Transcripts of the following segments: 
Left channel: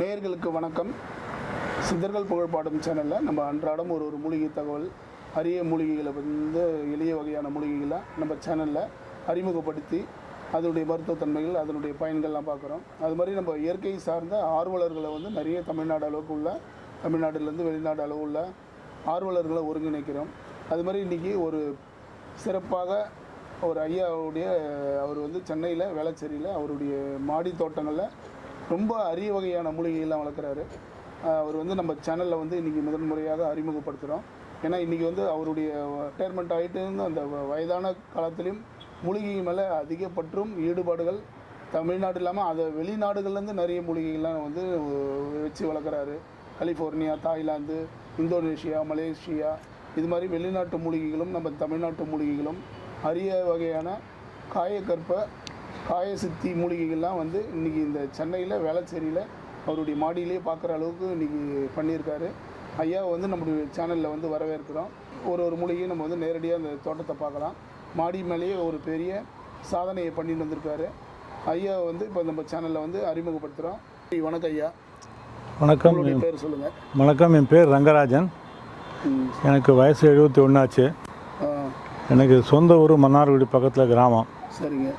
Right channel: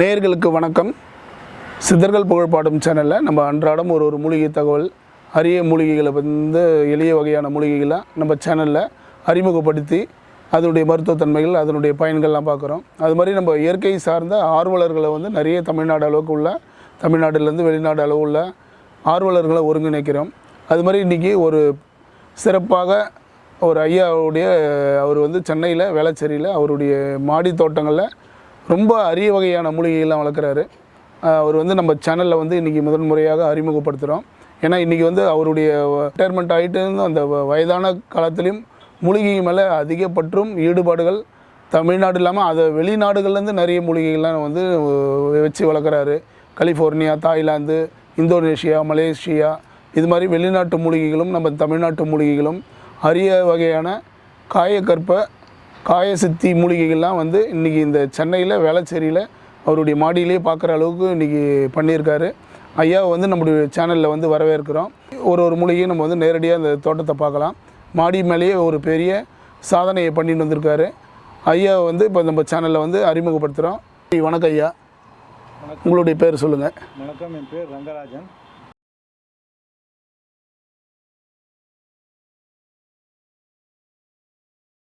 நேயர்களுக்கு வணக்கம். சித்தர்கள் புகழ்பாடும் சேனலில் நம்ம அன்றாடம் ஒரு மூலிகை தகவல், அரிய மூலிகைகளை வந்து எளிய வகையான மூலிகைகளை நம்ம சேனலில் அறிமுகப்படுத்தி அதனுடைய மருத்துவத்தன்மைகள், அதனுடைய பயன்கள்லாம் பார்க்குறோம். அது மாதிரி நம்ம இயற்கை சார்ந்த ஆர்வலர்களை வந்து நிறைய தமிழ்நாடு அளவுக்கு உள்ள, தமிழ்நாட்டிலேருந்து வெளிநாடு அளவு உள்ள ஆர்வலர்களை ஒருங்கிணைக்கிறோம். அது மாதிரி இன்றைக்கி ஒரு சிறப்பாக ஒரு ஐயாவுடைய அவர் வந்து சென்னையில் வேளச்சேரியில் அவருடைய மாடி தோட்டங்களில் ரொம்ப அரிய வகையான மூலிகைகள்லாம் வளர்க்குறாரு. அவர் வந்து நம்ம சேனலில் வந்து இன்றைக்கி முதன்முறையாக அறிமுகப்படுத்துகிறோம். ஏன்னா இன்றைக்கி வந்து அவருடைய ரிட்டையர்மெண்ட் ஆகிட்டு அந்த வயதான காலத்துலேயும் மூலிகை மேலே அதிக பற்றும் ஈடுபாடுகள் தமிழ்நாடு இல்லாமல் அதை வெளிநாடுகள்லேருந்து நிறைய மூலிகைகள்லாம் வந்து வச்சு வளர்க்குறாரு. கலிஃபோர்னியா, தாய்லாந்து, இந்தோனேஷியா, மலேசியா இது மாதிரி வெளிநாட்டு மூலிகைகளும் நம்ம தமிழ்நாட்டு மூலிகைகளும் அரிய வகையான காயக்கற்ப காயசித்தி மூலிகைகள்லாம் வந்து இன்றைக்கி இந்த சென்னையில் வேளச்சேரியில் அவருடைய மாடியிலேயே பார்க்குற அளவுக்கு இன்றைக்கி பண்ணியிருக்காரு. ஐயாவை வந்து நம்முடைய சேனலில் வந்து வரவேற்கிறோம். ஒரு மூலிகையும் நம்ம வந்து நேரடியாக அந்த தோட்டத்தை பார்க்கலாம். மாடி மேலேயே ஒரு பெரிய சாதனையை பண்ணிட்டு வந்திருக்காரு. ஐயாவை வந்து இப்போ நம்ம சேனலில் வந்து அறிமுகப்படுத்துகிறோம். வணக்கம் ஐயா. வணக்கம். உங்களுடைய பேர் சொல்லுங்கள். வணக்கம், என் பேர் ரங்கராஜன். எனக்கு வயசு 71 ஆச்சு. எனக்கு சொந்த ஊர் மன்னார்குடி பக்கத்தில் கிராமம். சரிங்க.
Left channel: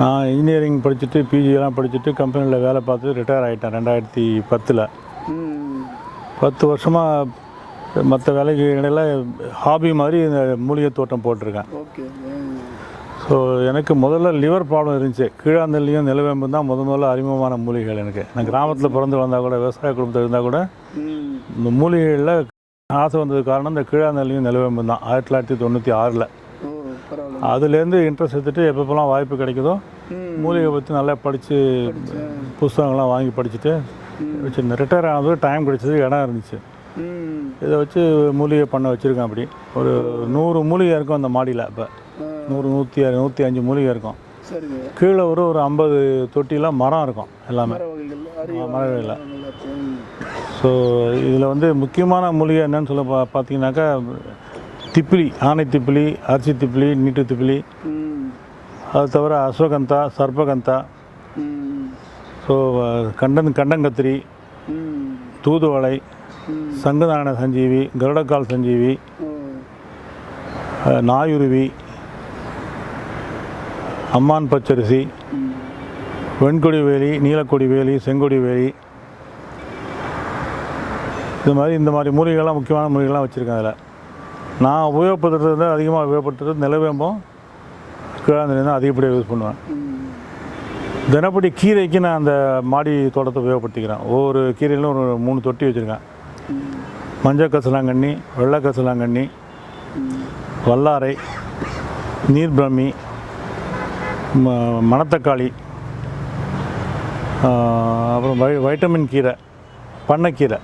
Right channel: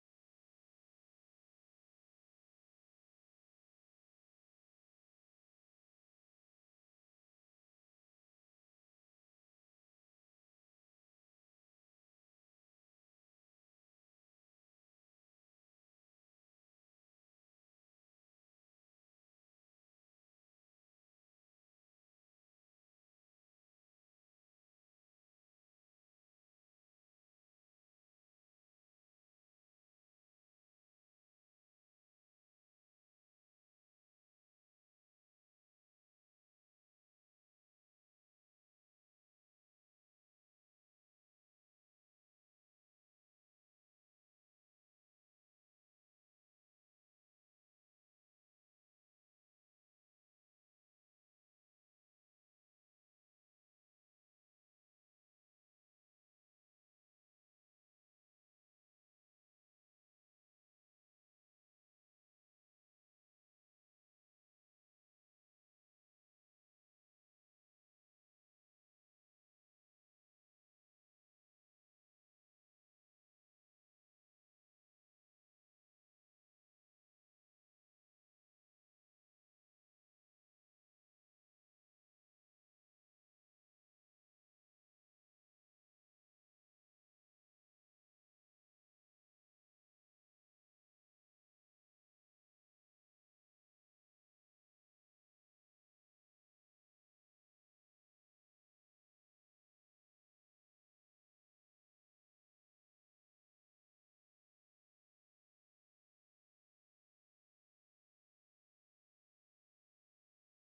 நான் இன்ஜினியரிங் படிச்சுட்டு பிஜியெல்லாம் படிச்சுட்டு கம்பெனியில் வேலை பார்த்து ரிட்டையர் ஆகிட்டேன் 2010. 10 வருஷமாக மற்ற வேலைக்கு இடையில் ஹாபி மாதிரி இந்த மூலிகை தோட்டம் போட்டிருக்கேன். ஸோ எனக்கு முதல்ல லிவர் ப்ராப்ளம் இருந்துச்சு. கீழாந்தல்லையும் நிலவேம்பு தான் முதல்ல அறிமுகமான மூலிகைகள். எனக்கு நான் கிராமத்தில் பிறந்து வந்தால் கூட, விவசாய குடும்பத்தில் இருந்தால் கூட, இந்த மூலிகைகளில் ஆசை வந்தது காரணம் இந்த கீழாந்தல்லையும் நிலவேம்பு தான். 1996. அதுலேருந்து இன்ட்ரெஸ்ட் எடுத்துகிட்டு எப்பப்போலாம் வாய்ப்பு கிடைக்குதோ மூலிகை பற்றி நல்லா படித்து புஸ்தகங்கள்லாம் வாங்கி படிச்சுட்டு வச்சுருந்தேன். ரிட்டையர் ஆனது டைம் கிடைச்சது, இடம் இருந்துச்சு. இதை வச்சு மூலிகை பண்ண வச்சுருக்கேன். அப்படி ஒரு 100 மூலிகை இருக்கும் அந்த மாடியில். இப்போ 100, 105 மூலிகை இருக்கும். கீழே ஒரு 50 தொட்டிலாம் மரம் இருக்கும். எல்லாமே மரவகையில். ஸோ இதில் வந்து முக்கியமான மூலிகை என்னன்னு சொல்ல பார்த்தீங்கன்னாக்கா திப்பிலி, ஆனை திப்பிலி, அரிசி திப்பிலி, நீட்டு திப்பிலி, அது தவிர அஸ்வகந்தா, சர்பகந்தா, ஸோ கண்டங்கத்திரி, தூதுவளை, சங்குநாராயண சஞ்சீவி, கருடக்கால் சஞ்சீவி, நாயுருவி, அம்மான் பச்சரிசி, வெண்கொடி வேலி, நீலக்கொடி வேலி, செங்கொடி வேலி, இந்த மாதிரி மூலிகைகள்லாம் முக்கியமான மூலிகைகள்லாம் வச்சுருக்கேன். அதில் நான் உபயோகப்படுத்துறது அதிகமாக உபயோகப்படுத்துறது நிலவேம்பும் கீழாந்தலையும் தான் அதிகப்படியாக யூஸ் பண்ணுவேன். தினப்படி கீரைக்கு நான் அந்த மாடி தோட்டத்தை உபயோகப்படுத்திக்கிறேன். ஒவ்வொரு கீரையிலும் ஒரு 3 தொட்டி வச்சுருக்கேன். மஞ்சள் கசலாங்கண்ணி, வெள்ளை கசலாங்கண்ணி, வல்லாரை, நீர்பிரமி, மணத்தக்காளி, அப்புறம் வைட்டமின் கீரை, பண்ணைக்கீரை.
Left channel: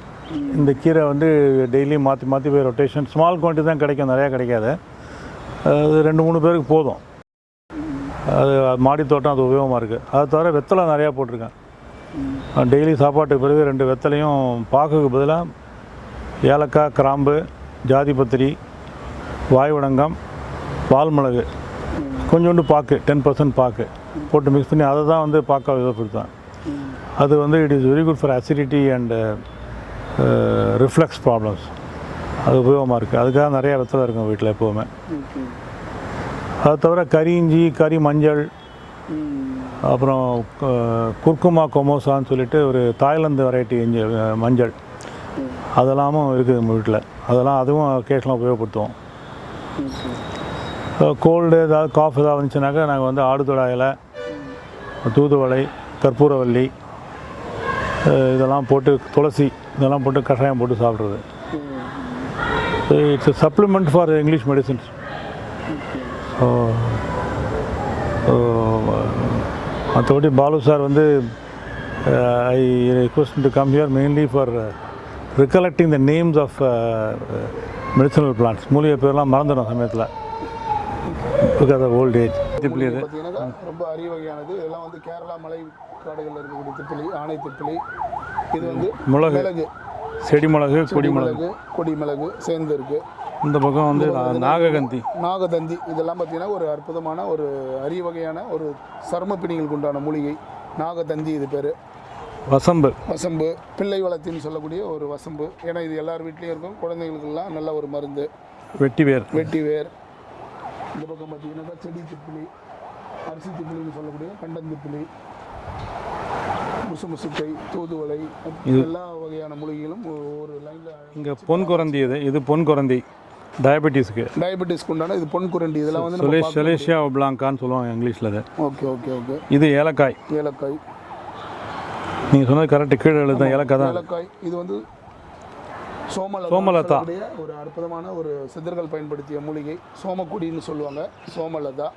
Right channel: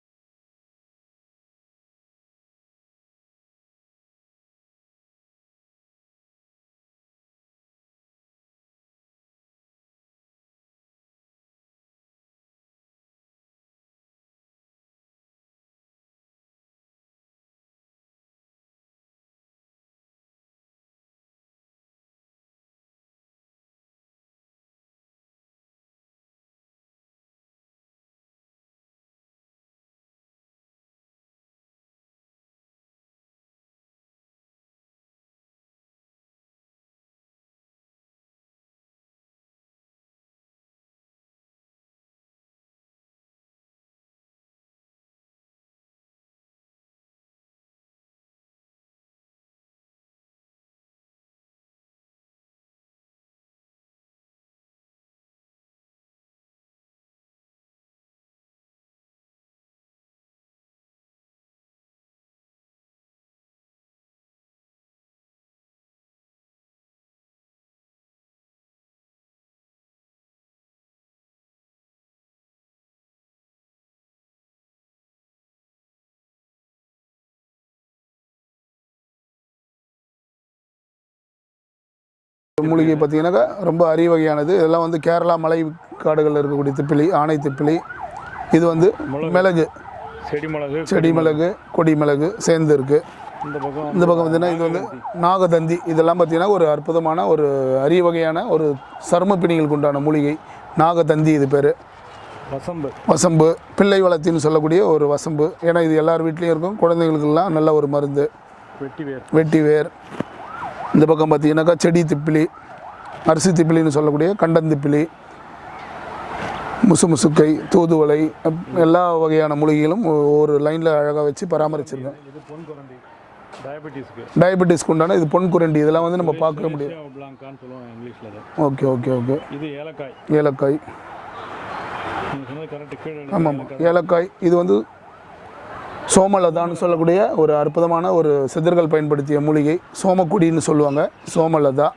இந்த கீரை வந்து டெய்லி மாற்றி போய் ரொட்டேஷன். ஸ்மால் குவான்டிட்டி தான் கிடைக்கும், நிறையா கிடைக்காது. அது 2-3 பேருக்கு போதும். அது மாடி தோட்டம் அது உபயோகமாக இருக்குது. அதை தவிர வெத்தலை நிறையா போட்டிருக்கேன். டெய்லி சாப்பாட்டுக்கு பிறகு 2 வெத்தலையும் பாக்குக்கு பதிலாக ஏலக்காய், கிராம்பு, ஜாதிபத்திரி, வாய்வடங்கம், பால்மிளகு, கொஞ்சோண்டு பாக்கு, 10% பாக்கு போட்டு மிக்ஸ் பண்ணி அதை தான் வந்து பாக்காக உபயோகப்படுத்துவேன். அது வந்து it is very good for acidity and reflex problems. அது உபயோகமாக இருக்குது. அதுக்காக நிறையா வெத்தலை இருக்கும் வீட்டில் எப்போவுமே. அது தவிர கறி இஞ்சி, கறி மஞ்சள், அப்புறம் குர்குமா கொமோசான்னு சொல்லிட்டு ஒரு தாய்லாந்து வெரைட்டி இஞ்சி மஞ்சள், அதெல்லாமும் இருக்குது நம்ம வீட்டில். அதுவும் கேஷ்லாம் உபயோகப்படுத்துவோம். கோல்டு ஏதாவது காஃப் ஏதாவது வந்துச்சுனாக்கா நாங்கள் வந்து ஆடுதொடா இலை, தூதுவளை, கற்பூரவல்லி, இதெல்லாம் போட்டு, துளசி, இதெல்லாம் போட்டு கஷாயம் போட்டு சாப்பிட்றது. It's a supplement for English medicines. மற்றபடி பாலு சார் வந்து I request to come here mainly for recollecting the names of medicinal plants. மூலிகை பேர்லாம் மறந்துடும் சமயத்தில், பிகாஸ் ஆஃப் ஓல்ட் ஏஜ். மூலிகை பார்த்தீங்கன்னாக்கா ரொம்ப அரிய வகையானது. இதெல்லாம் வந்து கேரளா மலை காடுகளில் இருக்கக்கூடிய திப்பிலி, ஆனை திப்பிலி. இது வந்து மிளகு, செடி மிளகு, கொடி மிளகு சேர்ந்து இருக்குது. இந்த பக்கம் வந்து நாகதந்தி. இதெல்லாம் பார்த்தீங்கன்னா ஒரு அற்புதமான ஒரு அரிய வகையான ஒரு சர்ம பிணிகளுக்கு உண்டான மூலிகை நாகதந்தி. இது பேர் வசம்பு. வசம்பு பிள்ளை வளர்த்தின்னு சொல்லக்கூடிய ஒரு வசம்பு. ஏன்னா இது எல்லார் வீட்லேயும் இருக்கும். குழந்தைகளுக்கெல்லாம் நல்ல ஒரு மருந்து. வெட்டிவேர். இந்த பக்கம் பார்த்தீங்கன்னாக்கா செடி திப்பிலி, அரிசி திப்பிலின்னு சொல்லக்கூடிய கண்டந்திப்பிலி, முசுமுசுக்கை, தூதுவளை, எல்லா வகையான மூலிகைகளும் ஒரு லைனில் அழகாக வச்சு பொன்குரந்தி. இது பொன்குரந்தி டயபெட்டிஸ்க்கு உண்டான இது பொன்குரண்டி. இதெல்லாம் வந்து நம்ம செலேசியா பிளாங்கான்னு சொல்லுவாங்க இங்கிலீஷில். ஓகே. இது ஏலக்காய். நீங்கள் சொன்னது கரெக்டு. கீழே எழுத ஏலக்காய். இது வந்து சோமலதா சொல்லக்கூடிய ஒரு அற்புதமான ஒரு சித்தர்கள் பயன்படுத்திய மூலிகை. சோமக்குடின்னு சொல்லுவாங்க. சோமலதா.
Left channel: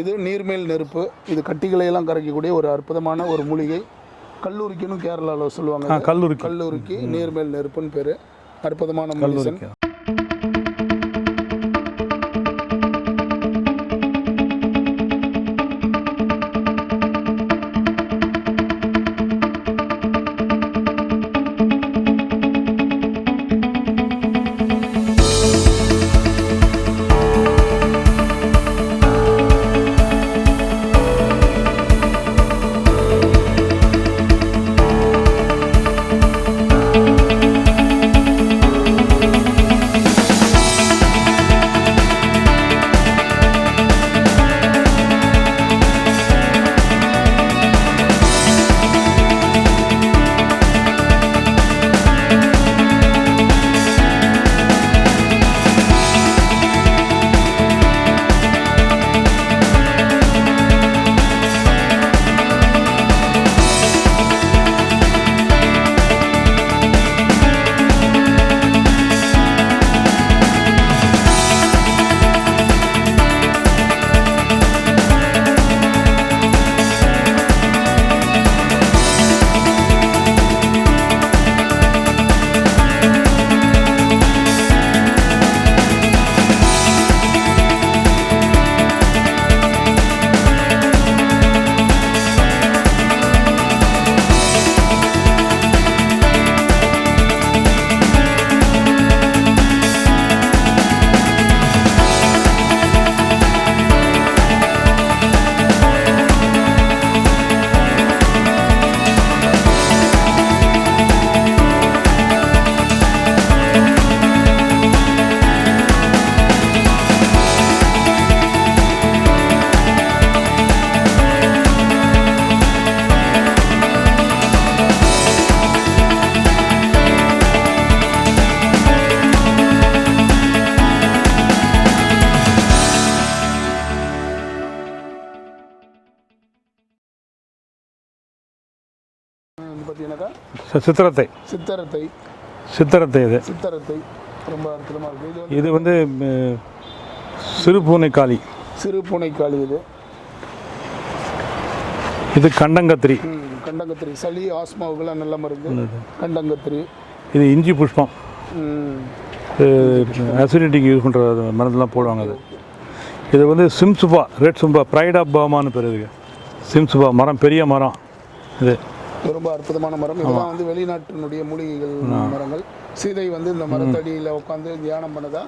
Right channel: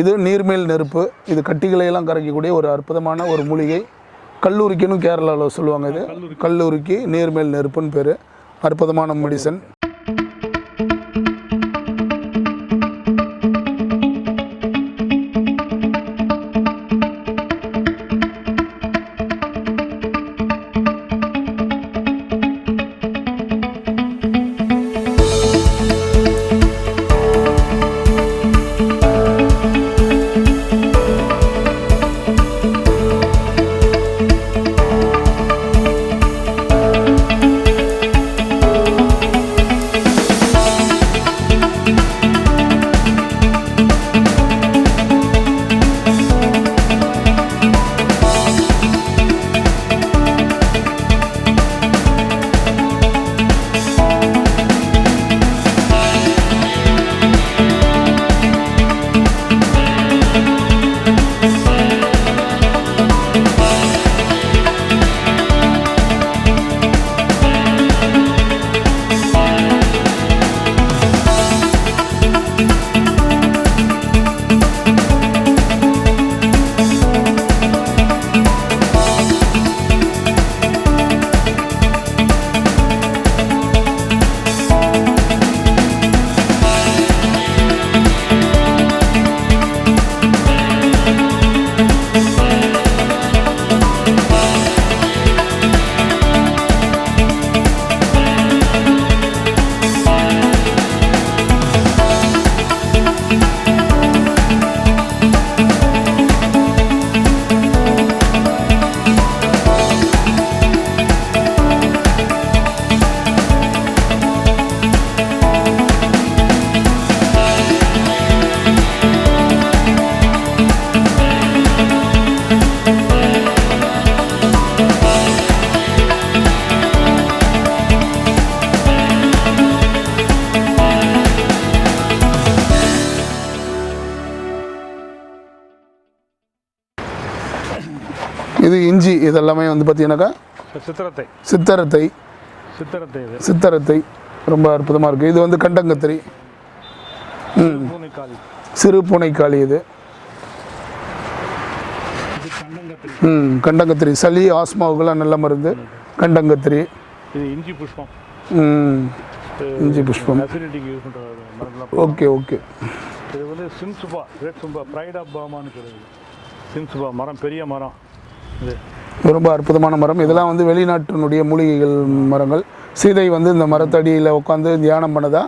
இது நீர்மேல் நெருப்பு. இது கட்டிகளையெல்லாம் கரைக்கக்கூடிய ஒரு அற்புதமான ஒரு மூலிகை. கல்லூரிக்குன்னு கேரளாவில் சொல்லுவாங்க. கல்லூரிக்கு நீர்மேல் நெருப்புன்னு பேர். அற்புதமான மெடிசன். இது இஞ்சி. இதெல்லாமே வந்து பார்த்தீங்கன்னாக்கா சித்தரத்தை ரொம்ப அற்புதமாக இருக்குது. இது வந்து கண்டங்கத்திரி, சிறு பூனைக்காளி. இது கண்டங்கத்திரி. சளி ஆஸ்மாவுக்கெல்லாம் நல்ல மருந்து கண்டங்கத்திரி. இது இஞ்சி புஷ்பம். அசிடிட்டிக்கு யூஸ் பண்ணுற மருந்துலாம் போடுவாங்க. ஓகே. இது வந்து சிம்சுபா, ரெட் சும்பா, ப்ரைட் ஆஃப் பர்மான்னு பேர் இருக்குது. சிம்சுபா மரம், பெரிய மரம். இது ரொம்ப அற்புதமான மரம். இதெல்லாம் வந்து வெளிநாட்டினுடைய மூலிகைகள் மரங்கள். சீதை வந்து இந்த மரத்தடியில் உட்காந்து தியானம் பண்ணதா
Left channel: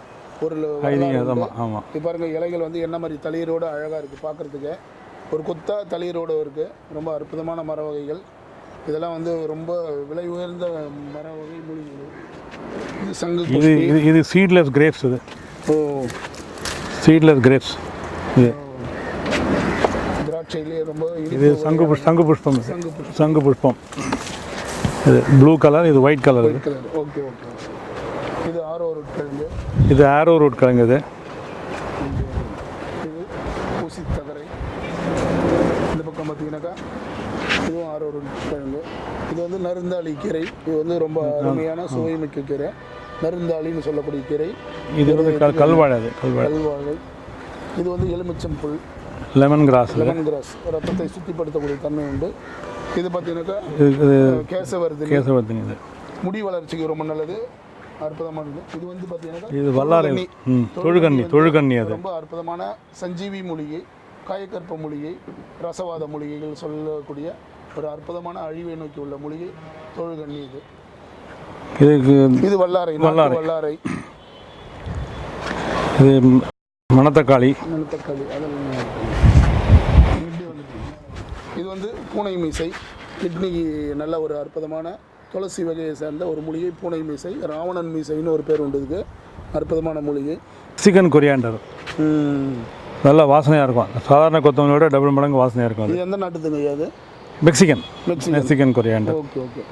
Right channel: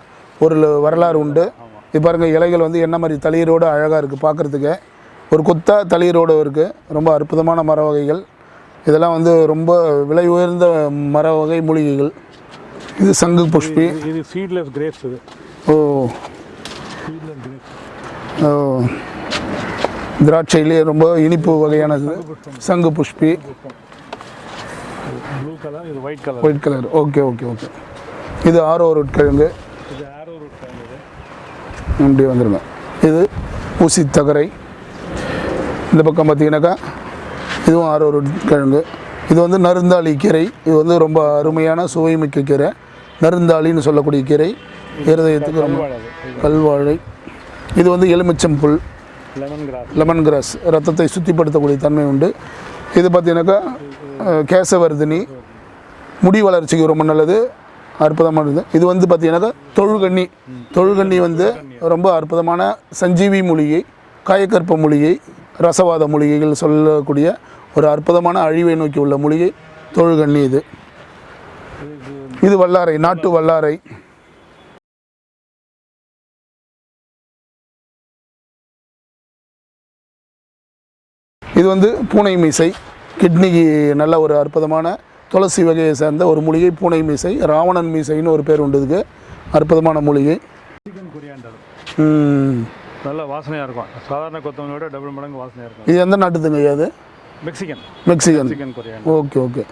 ஒரு வரலாறு உண்டு. இப்போ பாருங்க, இலைகள் வந்து என்ன மாதிரி தளிரோடு அழகாக இருக்குது பார்க்குறதுக்கு. ஒரு கொத்தா தளிரோடு இருக்குது. ரொம்ப அற்புதமான மர வகைகள். இதெல்லாம் வந்து ரொம்ப விலை உயர்ந்த மர வகை மூலிகைகள். இது சங்கு புஷ்பி. இது சீட்லெஸ் கிரேப்ஸ். திராட்சையிலேயே ரொம்ப இனிப்பு வகையான சங்கு புஷ்பம். இது ப்ளூ கலர், இது ஒயிட் கலர். ஓகே. இது ஆரோ ரூட் கிழங்கு. இது இப்படி வந்துருங்க. இது ஊசி தகரை. இந்த பக்கம் பார்த்தீங்கன்னாக்கா இதுவும் ஆரோ ரூட் கிழங்கு. இது வந்து நருந்தாளி கீரை. இது வந்து ரொம்ப அருமையான சுவைமிக்க கீரை. நருந்தாளின்னு சொல்லக்கூடிய கீரை. கல்வாழை. இது வந்து எலுமிச்சம்புல், லெமன் கிராஸ். ரத்தத்தை சுத்திப்படுத்தக்கூடிய தன்மை உண்டு. இது பார்த்தீங்கன்னாக்கா கேசவர்தினி. முடி வளர்ச்சிக்கு ரொம்ப நல்லது, அற்புதமானது. இது வந்து பார்த்தீங்கன்னாக்கா தொழுகண்ணி வந்து ரொம்ப அற்புதமான சஞ்சீவி மூலிகை, காயக்கற்ப மூலிகை, ரசவாத மூலிகைகள் சொல்லக்கூடிய ஒரு அற்புதமான அழிவை நோக்கி உள்ள மூலிகை தொழுகண்ணி. இது வல்லாரை, நாட்டு வல்லாரை. இது மணத்தக்காளி. இது வந்து பூனை மீசை. கிட்னிக்கு நல்ல ஒரு அற்புதமான துளசி வகையை சேர்ந்த ஒரு மூலிகை. பூனை மீசை, ராவணன் மீசைன்னு ஒரு பேர் உண்டு. இதுக்கு அற்புதமான மூலிகை. Mexican coriander. நல்லா வாசனையாக இருக்கும். சாதாரண கொத்தமல்லியோட டபுள் மடங்கு வாசனையாக இருக்கும். இது எந்த நாட்டுதுங்க ஐயா? அது மெக்சிகன் கொரியாண்டர். ஓகே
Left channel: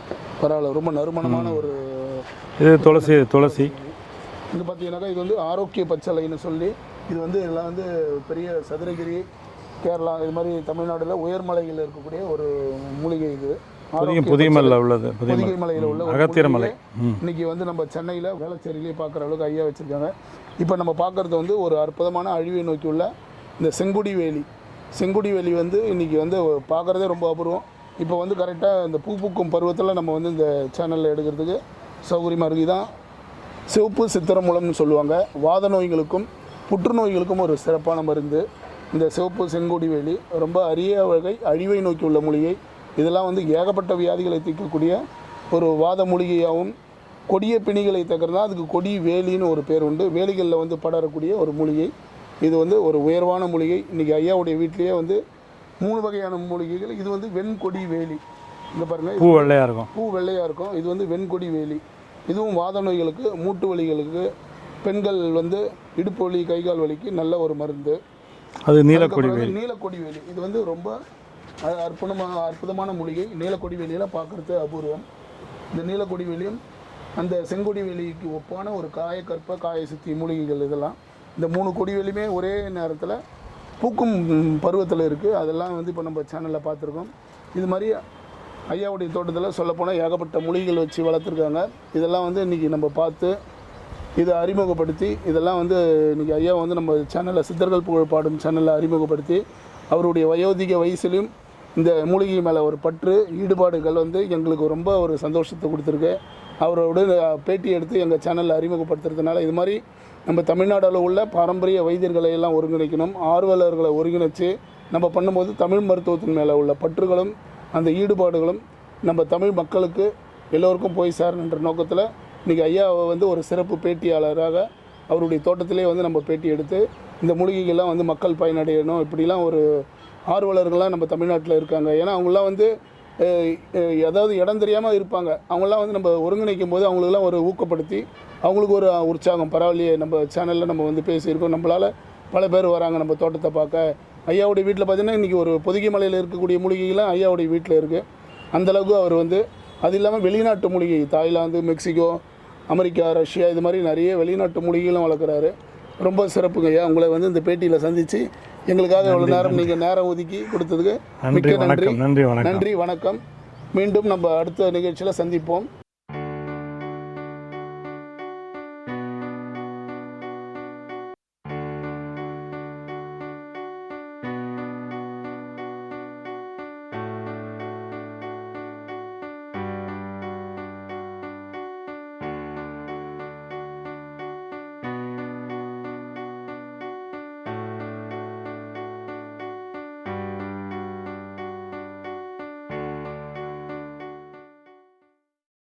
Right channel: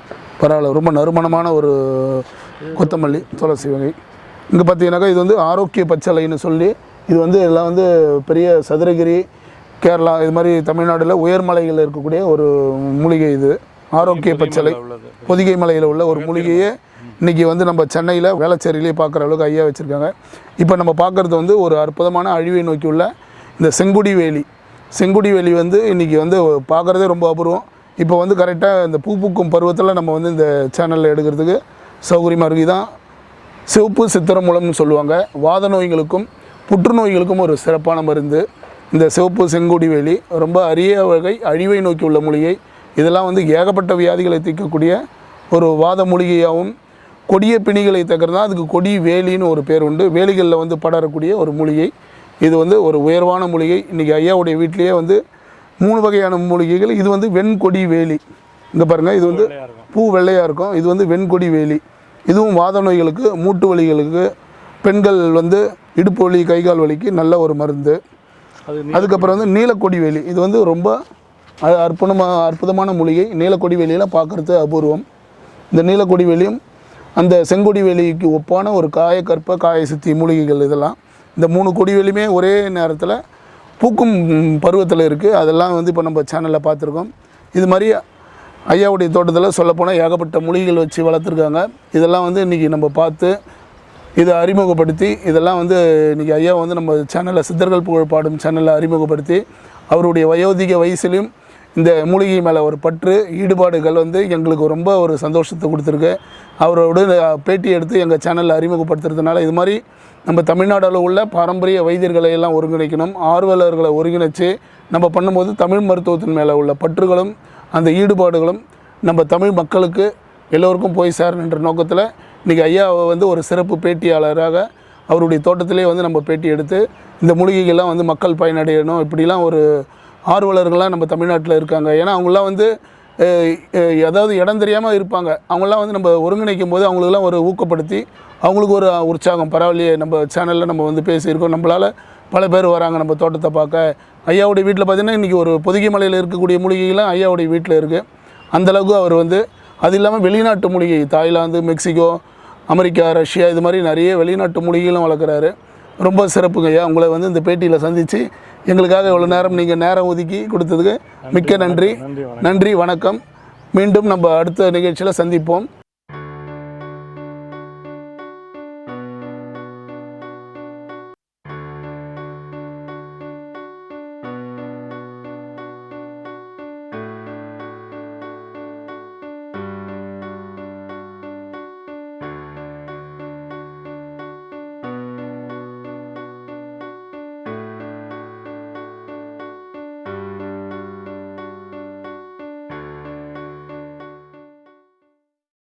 பரவாயில்ல. ரொம்ப நறுமணமான ஒரு துளசி வகை. இங்கே பார்த்தீங்கன்னாக்கா இது வந்து ஆரோக்கிய பச்சளைன்னு சொல்லி, இது வந்து எல்லாம் வந்து பெரிய சதுரகிரி, கேரளா, இது மாதிரி தமிழ்நாட்டில் உயர்மலைகளில் இருக்கக்கூடிய ஒரு மூலிகை. இது ஆரோக்கிய பச்சளை பொதிகை மலையில் உள்ள ஒரு மூலிகையை இன்னைக்கு வந்து நம்ம சென்னையில் வேளச்சேரியிலே பார்க்குற அளவுக்கு ஐயா வச்சுருக்காங்க. இப்போ நம்ம பார்க்குறது வந்து ஒரு அற்புதமான அழிவை நோக்கி உள்ள இந்த செங்குடி வேலி வந்து இன்றைக்கி வந்து பார்க்குறதே ரொம்ப அபூர்வம். இப்போ வந்து கரெக்டாக இந்த பூக்கும் பருவத்தில் நம்ம வந்து இந்த சேனலில் எடுக்கிறதுக்கு சௌகரியமாக இருக்குது. தான் சிவப்பு சித்திரமூலம்னு சொல்லுவாங்க. வாத நோய்களுக்கும் புற்றுநோய்களுக்கும் ஒரு சிறப்பான மருந்து இந்த சிவப்பு செங்குடி வேலி. ரொம்ப அரிய வகை அழிவை நோக்கி உள்ள மூலிகை. இதெல்லாம் வந்து ஏகப்பட்ட வியாதிகளை தீர்க்கக்கூடிய ஒரு வாத மூலிகையாகவும், கொடிய பிணிகளை தீர்க்கிறதா அதுக்கு கொடி வேலின்னு ஒரு பேர் உண்டு. வேலிகளில் வந்து படரக்கூடிய ஒரு மூலிகை. இது வந்து ஒரு உயர்வான மூலிகை. இன்றைக்கி ஐயாவுடைய வீட்டிலேயே வந்து 3 வகையான மூலிகைகள். இது வந்து வெண்கொடி வேலி. இங்கே பாருங்கள், இது வெள்ளையாக இருக்கும், பூ வெள்ளையாக இருக்கும். இது வந்து வெண்கொடி வேலி. இதுவும் வாத நோய்களுக்கு, மூட்டு வலிகளுக்கு, பெண்கள் வந்து இடுப்பு வலி, கைகால் வலிக்கு நல்ல ஒரு மருந்து. அதுக்கப்புறம் வந்து நீலக்கொடி வேலி. இது வந்து ரொம்ப அற்புதமான மூலிகை. நீலக்கொடி வேலியில் பார்க்குறது அபூர்வம். இந்த நீலக்கொடி வேலியும் அந்த செங்கொடி வேலிக்கு ஒப்பான ஒரு காயக்கற்ப காய சித்தி மூலிகைகள். இதெல்லாம் இந்த 3 கொடி வேலியுமே ஒரே நேரத்தில் பூக்கும் பருவத்தில் இருக்குது. அதெல்லாம் வந்து இப்போ நம்ம சேனலில் பார்த்துருக்கோம். இது மாதிரி ஐயாவுடைய தோட்டத்தில் சொல்லப்போனால் ஏகப்பட்ட மூலிகைகள் வச்சு வளர்த்துருக்காங்க. இதெல்லாம் வந்து இன்றைக்கி நம்ம பார்த்து இதை அறிமுகப்படுத்தி, இதெல்லாம் வந்து இன்றைக்கி ஐயா வந்து நம்ம சேனலில் சித்தர்கள் புகழ் பாடும் சேனலில் அறிமுகப்படுத்தி, அவருடைய வயோதிக வயசுலையும் இந்த மூலிகை மேலே ஒரு பற்று ஈடுபாடுகள் வந்து எங்களுக்கு ரொம்ப ஒரு சந்தோஷத்தை கொடுத்துருக்கு. அவரோட பேட்டி எடுத்து எங்கள் சேனலில் அறிமுகப்படுத்துறதுனால இது மாதிரி நம்ம தமிழ்நாட்டில் உள்ள பாரம்பரிய வைத்தியர்களை எல்லாம் ஒருங்கிணைக்கணும், ஆர்வலர்களை ஒருங்கிணைச்சு நம்ம பண்ணும்போது தமிழ் மருத்துவத்தின் மேலே உள்ள பற்றுகளும் அந்த ஈடுபாடுகளும் நம்ம தமிழ் மக்களுக்கு எல்லோருக்கும் போய் சேரணுன்ற நோக்கத்தில் இன்றைக்கி ஐயாவை வந்து ஒரு சிறப்பு பேட்டியாளராக அவருடைய தோட்டத்திலே வந்து நம்ம பேட்டி எடுத்து இந்த மூலிகைகள்லாம் வந்து மக்கள் பயனடையணும், இப்படிலாம் ஒரு ஆர்வலர்கள்லாம் நம்ம தமிழ்நாட்டில் இருக்காங்க. ஏன்னா அவங்களாம் வந்து ஏதாவது இடம் தெரியாமல் இருப்பாங்க. அவங்களாம் வந்து நம்ம ஒருங்கிணைக்கும் போது அவங்களுக்கெல்லாம் ஒரு ஊக்கப்படுத்தி அவங்களுக்கு ஒரு உற்சாகம். பரவாயில்லையே, நம்ம சேனலில் நம்ம வந்து பேசியிருக்கோம், நம்மளால் பல பேர் வராங்க நம்ம தோட்டத்தை பார்க்க. ஐயாவுடைய வீட்டில் பார்த்திங்கன்னா இன்றைக்கி ஒரு பொதிகை மலையில் இருக்கக்கூடிய மூலிகைகள்லாம் ஐயாவுடைய வீட்டில் இருக்குது. அந்தளவுக்கு அவர் வந்து அது இல்லாமல் வெளிநாட்டு மூலிகை, தாய்லாந்து, மெக்சிகோ, அமெரிக்கா, ரஷ்யா, இது மாதிரி நிறைய வெளிநாட்டு மூலிகைகளும் வளர்க்குறாரு. ரொம்ப சிறப்புங்க ஐயா. உங்களை வந்து இந்த பேட்டியில் சந்தித்து எங்களுக்காக இவ்வளோ நேரம் நீங்கள் நேரம் ஒதுக்கி கொடுத்ததுக்கு மிக்க நன்றி. வணக்கம். மீண்டும் நம்ம அடுத்த நிகழ்ச்சியில் சந்திப்போம்.